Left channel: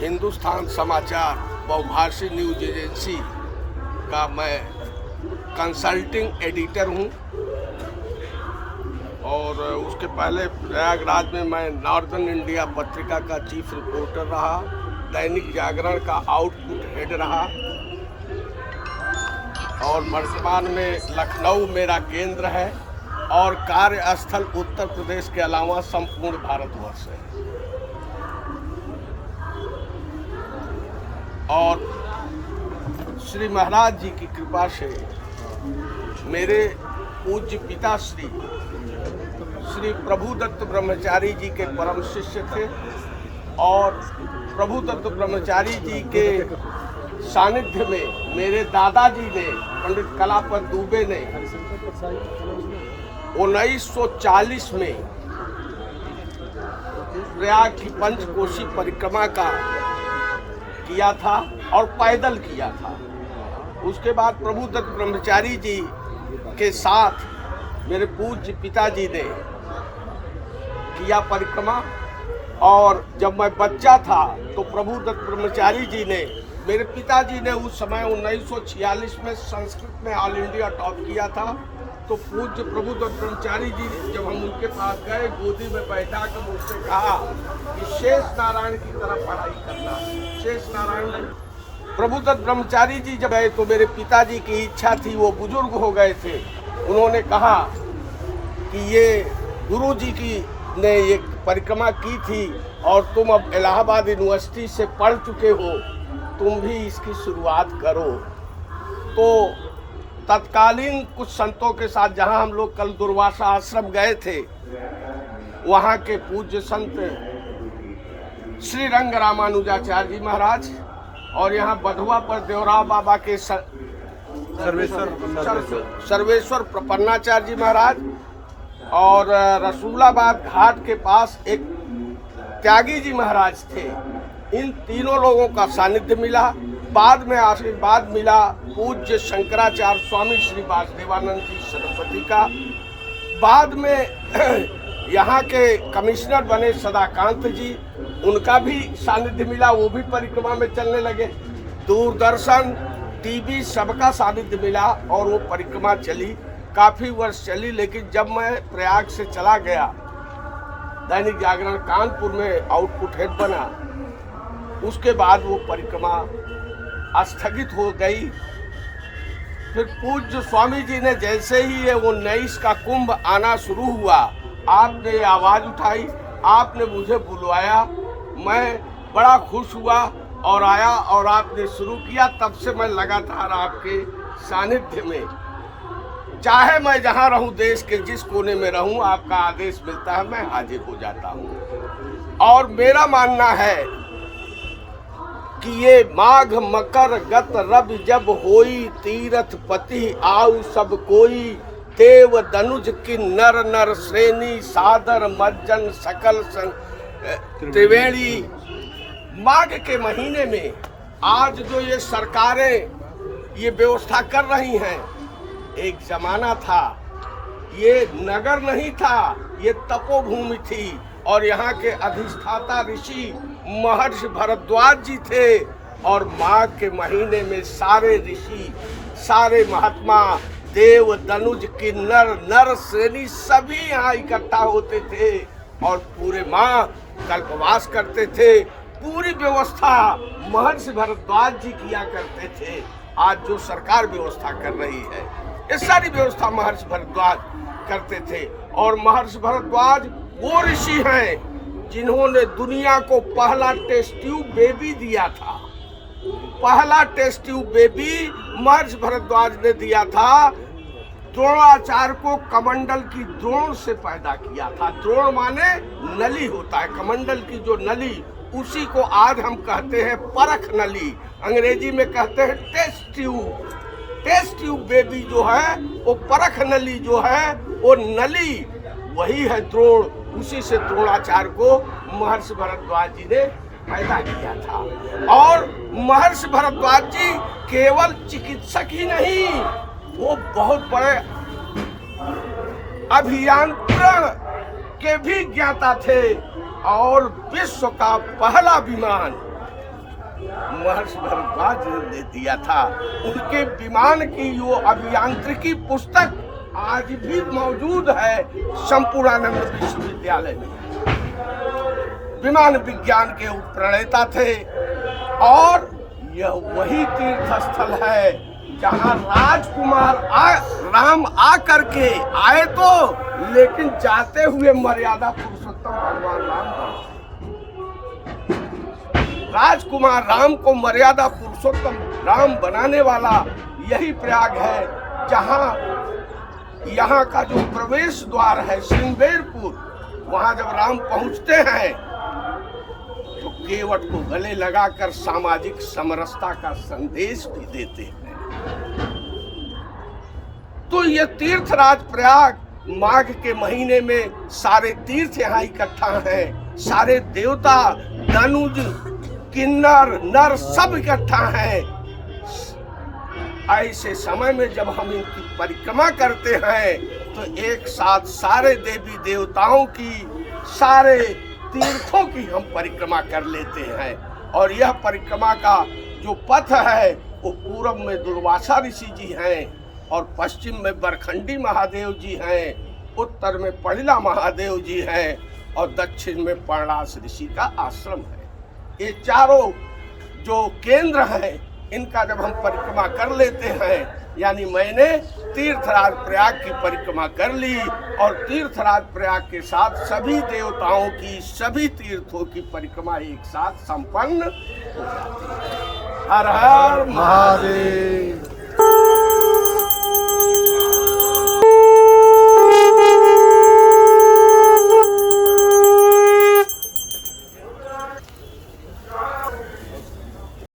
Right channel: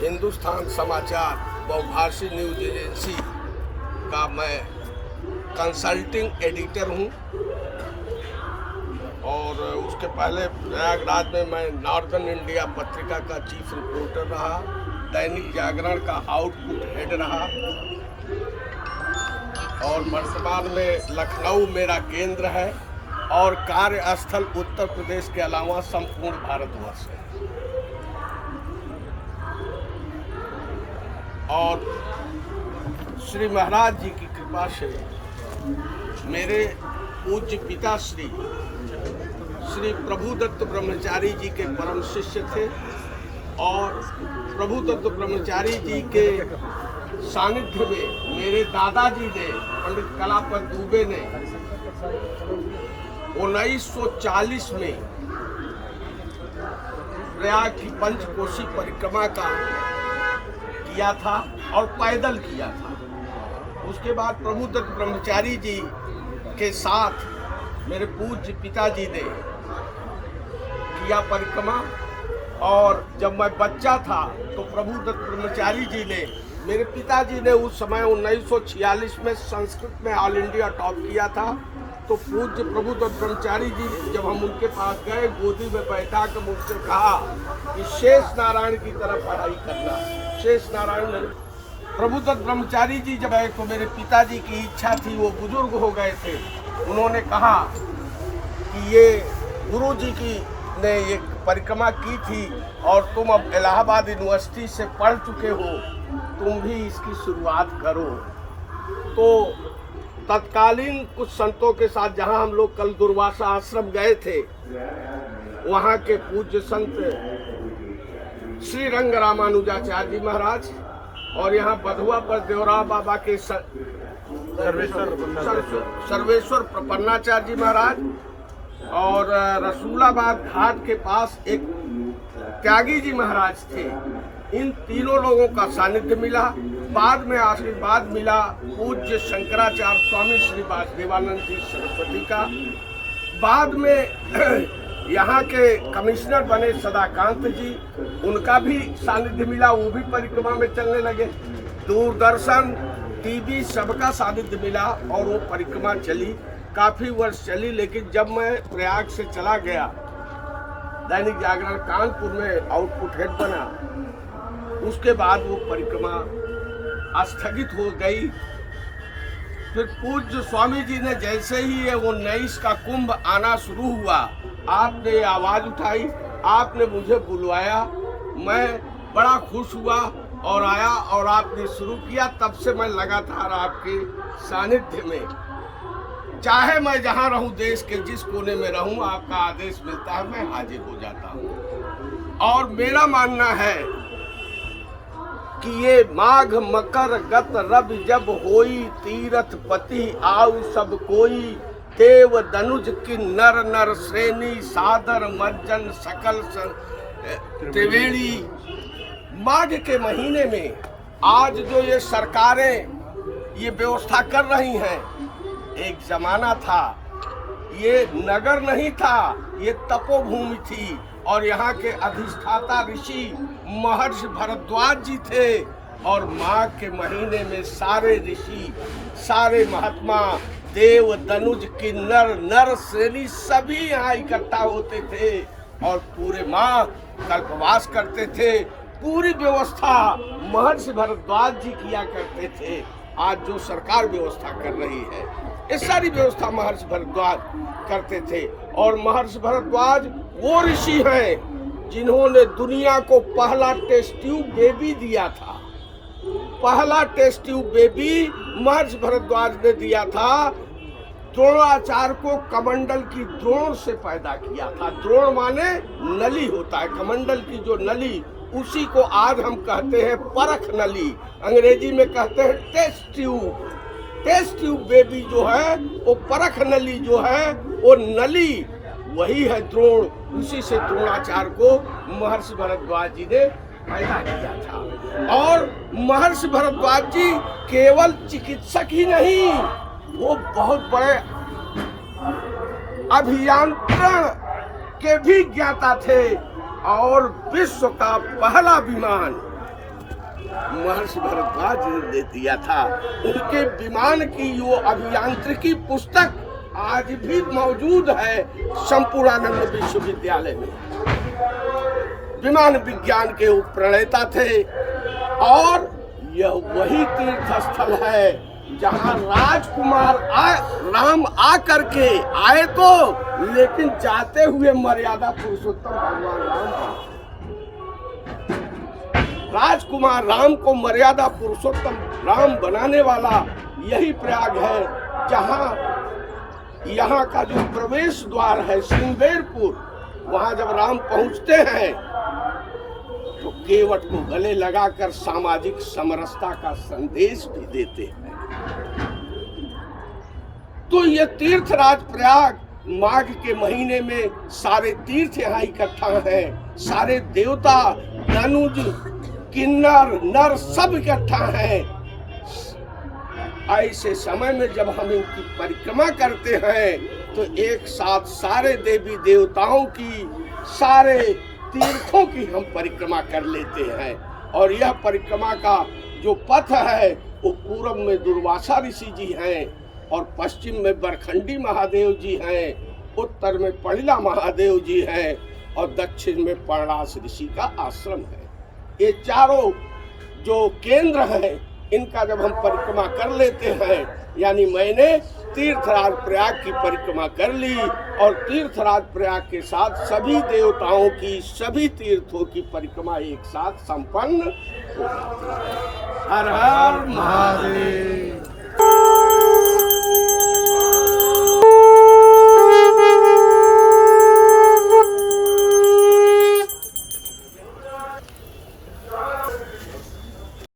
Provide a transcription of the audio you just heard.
हिंदुस्तान समाचार बहुभाषी news agency का मैं कंसल्टिंग एडिटर हूं और उसके पहले प्रयागराज में मैं नॉर्दर्न इंडिया पत्रिका का चीफ रिपोर्टर रहा, दैनिक जागरण का आउटपुट हेड रहा और वर्तमान में लखनऊ मेरा केंद्र है और कार्यस्थल उत्तर प्रदेश के अलावा संपूर्ण भारतवर्ष है। और श्री महाराज जी की कृपा से मेरे पूज्य पिता श्री प्रभुदत्त ब्रह्मचारी जी के परम शिष्य थे और प्रभुदत्त ब्रह्मचारी जी के सानिध्य में मेरे दादाजी ने, पंडित कलापत दुबे ने 1940 में प्रयाग की पंचकोशी परिक्रमा का किया था और पैदल किया था। उसके बाद प्रभुदत्त ब्रह्मचारी जी के साथ मेरे पूज्य पिताजी ने किया परिक्रमा और जब मैं बच्चा था तो प्रभुदत्त ब्रह्मचारी जी ने, मेरे पिताजी ने उस समय 1946 में संस्कृत में ऑल इंडिया टॉप किया था। तो पूज्य प्रभुदत्त ब्रह्मचारी जी जब हम उनके पास गए, गोदी में बैठा कर मुझसे कहा कि शेष नारायण की तरह पढ़ाई करना। शेष नारायण प्रभुदत्त ब्रह्मचारी जी जब आए तो मेरे पिताजी की इच्छा थी, वो बुजुर्ग हो गए थे, उन्होंने कहा कि ये गुरु जी की ने एक परिक्रमा की थी और तुम अब इलाहाबाद यूनिवर्सिटी से पढ़ चुके हो, तुम भी इसकी शुरुआत करो। तो तत्कालीन कुछ संतों के साथ जहां हम लोग कल दुर्वासा आश्रम गए थे, वहां के पूज्य संत श्री रंग रामानुजाचार्य जी महाराज और यहाँ बधुआ पर देवरा बाबा के सर्वेश्वर प्रपन्नाचार्य जी महाराज और रसूलाबाद घाट के पास एक त्यागी जी महाराज थे। इन तीनों लोगों का सानिध्य मिला। बाद में आशीर्वाद मिला पूज्य शंकराचार्य स्वामी श्री वासुदेवानंद जी सरस्वती का। बाद में यहाँ के कमिश्नर बने सदाकांत जी, उनका भी सानिध्य मिला, वो भी परिक्रमा में चलने लगे। दूरदर्शन, टीवी सबका सानिध्य मिला और वो परिक्रमा चली, काफी वर्ष चली। लेकिन जब मैं प्रयाग से चला गया, दैनिक जागरण कानपुर में आउटपुट हेड बना, उसके बाद वो परिक्रमा स्थगित हो गई। फिर पूज्य स्वामी जी ने जैसे ही ये 19 का कुंभ आना शुरू हुआ, आपने आवाज उठाई, आपने मुझे बुलवाया, मैं बड़ा खुश हुआ और आया और आपने शुरू किया। तब से मैं लगातार आपके सानिध्य में, चाहे मैं जहां रहूं, देश के जिस कोने में रहूं, आपका आदेश मिलता है, मैं हाजिर हो जाता हूं। और मेरा मानना है कि ये माघ मकर गत रब जब होई, तीरथ पति आउ सब कोई, देव दनुज की नर नर श्रेणी, सादर मज्जन सकल त्रिवेणी। माघ के महीने में आज जो ये सरकारें ये व्यवस्था कर रही हैं, एक जमाना था ये नगर नहीं था, ये तपोभूमि थी और यहाँ के अधिष्ठाता ऋषि महर्षि भरद्वाज जी थे। और माघ के महीने में सारे ऋषि, सारे महात्मा, देव दनुज की नर नर श्रेणी सभी यहाँ इकट्ठा होते थे और पूरे माह कल्पवास करते थे। पूरी व्यवस्था महर्षि भरद्वाज जी किया करते थे। आज जो सरकार व्यवस्था कर रही है, ये सारी व्यवस्था महर्षि भरद्वाज करते थे। और महर्षि भरद्वाज वो ऋषि हैं जिन्होंने दुनिया को पहला टेस्ट ट्यूब बेबी दिया था। पहला टेस्ट ट्यूब बेबी महर्षि भरद्वाज ने दिया था। द्रोणाचार्य को कमंडल की द्रोण से पैदा किया था। द्रोण माने नली होता है, कमंडल की जो नली, उसी को आज हम कहते हैं परख नली, अंग्रेजी में कहते हैं test tube. Test tube baby जो है वो परख नली जो है, वो नली वही है द्रोण। उसी से द्रोणाचार्य को महर्षि भरद्वाज जी ने पैदा किया था। और महर्षि भरद्वाज जी केवल चिकित्सक ही नहीं, वो बहुत बड़े अभियंत्रण के भी ज्ञाता थे और विश्व का पहला विमान महर्षि भारद्वाज ने दिया था। उनके विमान की वो अभियांत्रिकी पुस्तक आज भी मौजूद है संपूर्णानंद विश्वविद्यालय में। विमान विज्ञान के वो प्रणेता थे और यह वही तीर्थ स्थल है जहाँ राजकुमार राम आ करके आए तो, लेकिन जाते हुए मर्यादा पुरुषोत्तम भगवान राम बने। राजकुमार राम को मर्यादा पुरुषोत्तम राम बनाने वाला यही प्रयाग है, जहाँ यहाँ का जो प्रवेश द्वार है श्रृंगेरपुर, वहाँ जब राम पहुँचते हैं तो केवट को गले लगाकर सामाजिक समरसता का संदेश भी देते हैं। तो ये तीर्थराज प्रयाग माघ के महीने में सारे तीर्थ यहाँ इकट्ठा हैं, सारे देवता दानुज किन्नर नर सब इकट्ठा हैं। ऐसे समय में जब हम इनकी परिक्रमा करते हैं तो एक साथ सारे देवी देवताओं की, सारे तीर्थों की हम परिक्रमा कर लेते हैं। और यह परिक्रमा का जो पथ है वो पूर्व में दुर्वासा ऋषि जी हैं और पश्चिम में बरखंडी महादेव जी हैं, उत्तर में पड़िला महादेव जी हैं और दक्षिण में पर्णास ऋषि का आश्रम है। ये चारों जो केंद्र हैं इनका जब हम परिक्रमा कर लेते हैं, यानी मैंने तीर्थराज प्रयाग की परिक्रमा कर ली और तीर्थराज प्रयाग के साथ सभी देवताओं की, सभी तीर्थों की परिक्रमा एक साथ संपन्न हो जाती है। हर हर महादेव।